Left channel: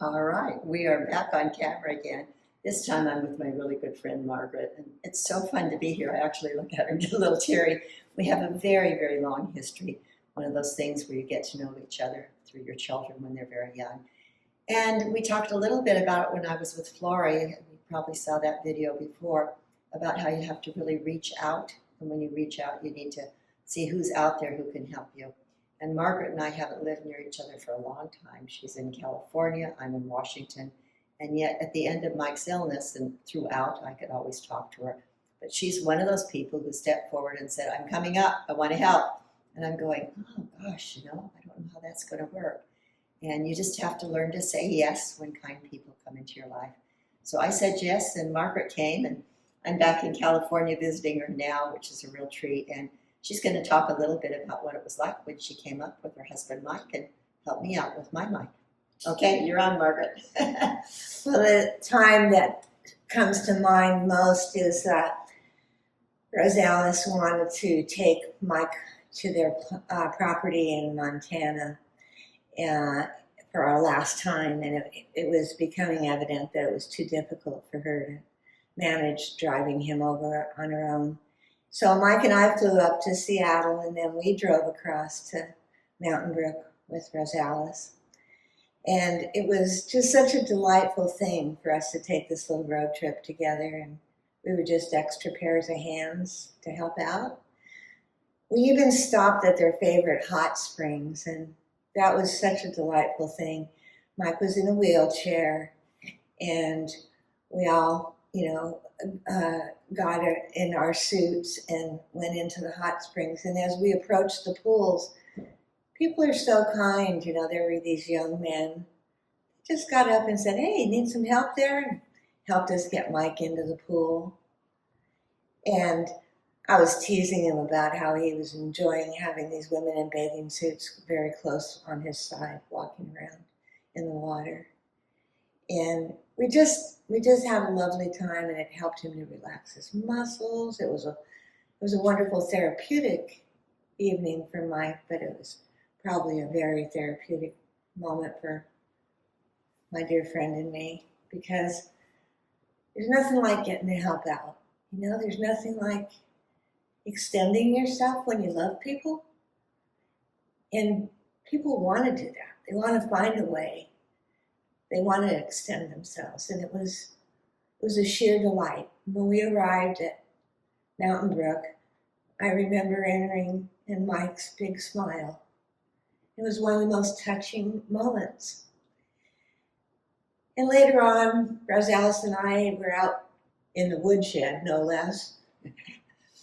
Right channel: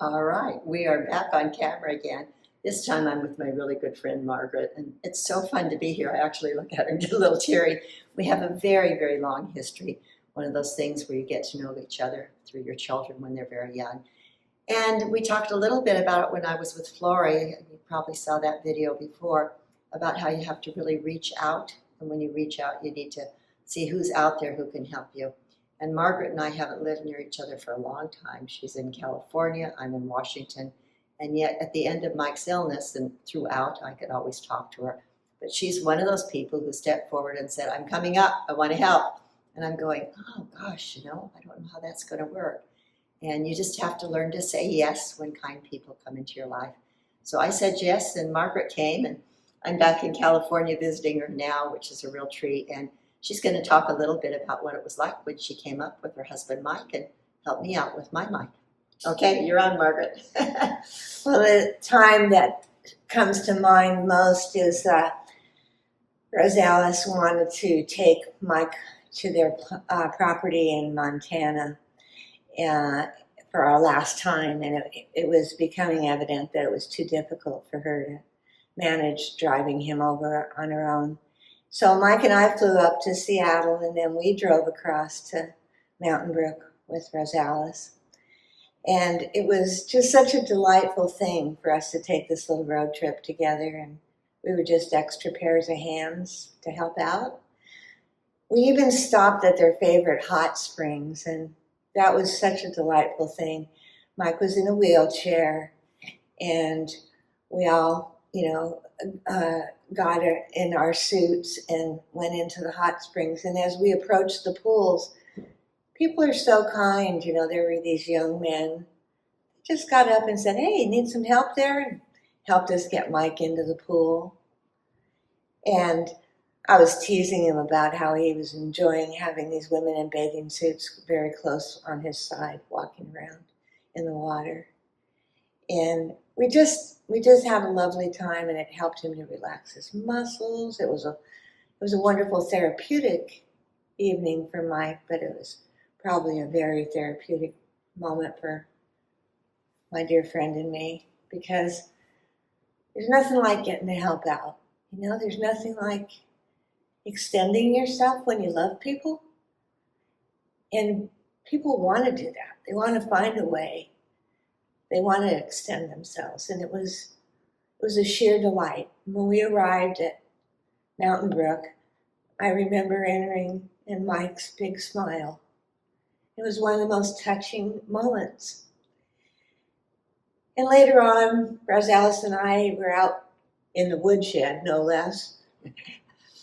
All right, we are back on camera again. This time I'm with my really good friend Margaret, and it's so fun to be here. I actually look at her and get a little teary. We have a very, very long history, one of those things where you get to know each other through your children when they're very young. And we talked a little bit about it when I was with Flory. You probably saw that video before about how you have to really reach out. And when you reach out, you need to see who's out there who can help you. And Margaret and I haven't lived near each other for a long time. She's in California, I'm in Washington. And yet at the end of Mike's illness and throughout, I could always talk to her. But she's one of those people who stepped forward and said, I'm coming up, I want to help. And I'm going, oh gosh, I don't know how that's going to work. And you just have to learn to say yes when kind people come into your life. So I said yes, and Margaret came, and I'm back in California visiting her now, which is a real treat. And she's going to talk a little bit about what it was like when she came up with her husband, Mike, and help me out with my Mike. Okay, you're on, Margaret. Well, the time that comes to mind most is that Rosales wanted to take Mike to their property in Montana for our last time, and it was becoming evident that it was too difficult for her to manage driving him over on her own. So Mike and I flew up to Seattle, and then we drove across to Mountain Brook with Rosales. And it was just such a delightful thing for us to take this little road trip together, and we were just extra pairs of hands to help out. We even stopped at their favorite hot springs, and that was such a delightful thing. Mike was in a wheelchair, and we all, got in our suits and went into the hot springs. And as we approached the pools, people are so kind. There were these young men just got up and said, hey, need some help there? And helped us get Mike into the pool. And I was teasing him about how he was enjoying having these women in bathing suits very close on his side, walking around in the water. And we just had a lovely time, and it helped him to relax his muscles. It was a wonderful therapeutic evening for Mike, but it was probably a very therapeutic moment for my dear friend and me, because there's nothing like getting to help out. There's nothing like extending yourself when you love people. And people want to do that. They want to find a way. They want to extend themselves. And it was a sheer delight. When we arrived at Mountain Brook, I remember entering and Mike's big smile. It was one of the most touching moments. And later on, Rosales and I were out in the woodshed, no less,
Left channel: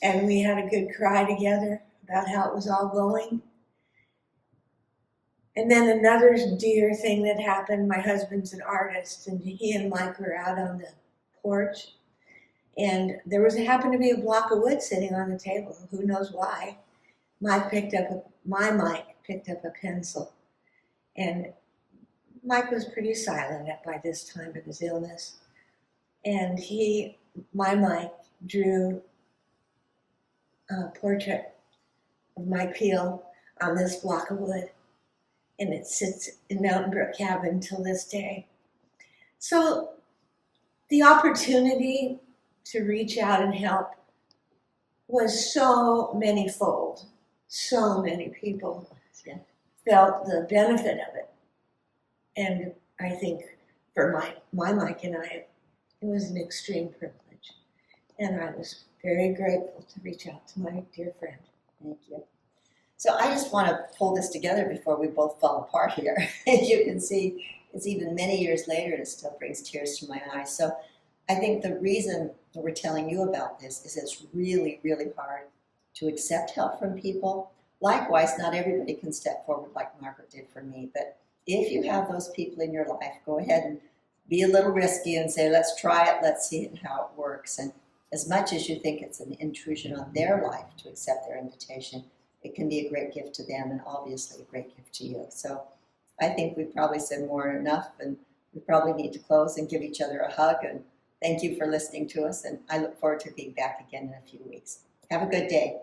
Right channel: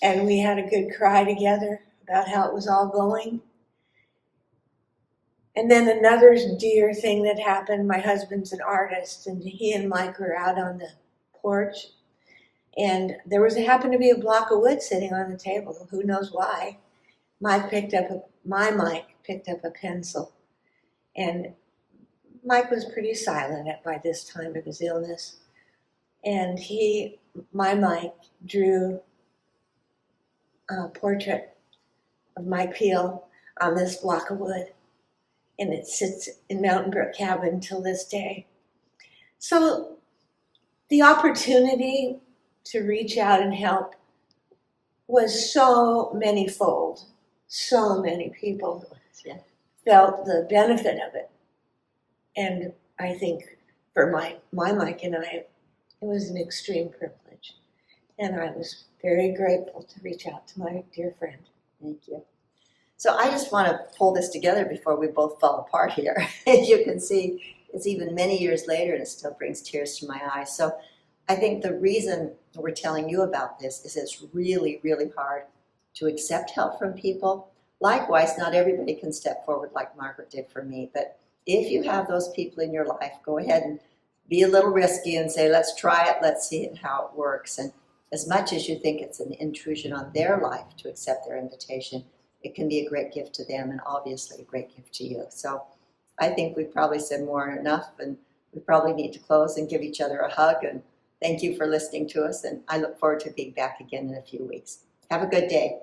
and we had a good cry together about how it was all going. And then another dear thing that happened, my husband's an artist, and he and Mike were out on the porch, and there happened to be a block of wood sitting on the table. Who knows why? My Mike picked up a pencil, and Mike was pretty silent by this time of his illness. And my Mike drew a portrait of Mike Peel on this block of wood. And it sits in Mountain Brook Cabin till this day. So the opportunity to reach out and help was so many-fold. So many people felt the benefit of it. And I think for my Mike and I, it was an extreme privilege. And I was very grateful to reach out to my dear friend. Thank you. So I just want to pull this together before we both fall apart here. As you can see, it's even many years later and it still brings tears to my eyes. So I think the reason we're telling you about this is it's really, really hard to accept help from people. Likewise, not everybody can step forward like Margaret did for me, but if you have those people in your life, go ahead and be a little risky and say, let's try it, let's see how it works. And as much as you think it's an intrusion on their life to accept their invitation, it can be a great gift to them and obviously a great gift to you. So I think we've probably said more than enough, and we probably need to close and give each other a hug. And thank you for listening to us, and I look forward to being back again in a few weeks. Have a good day.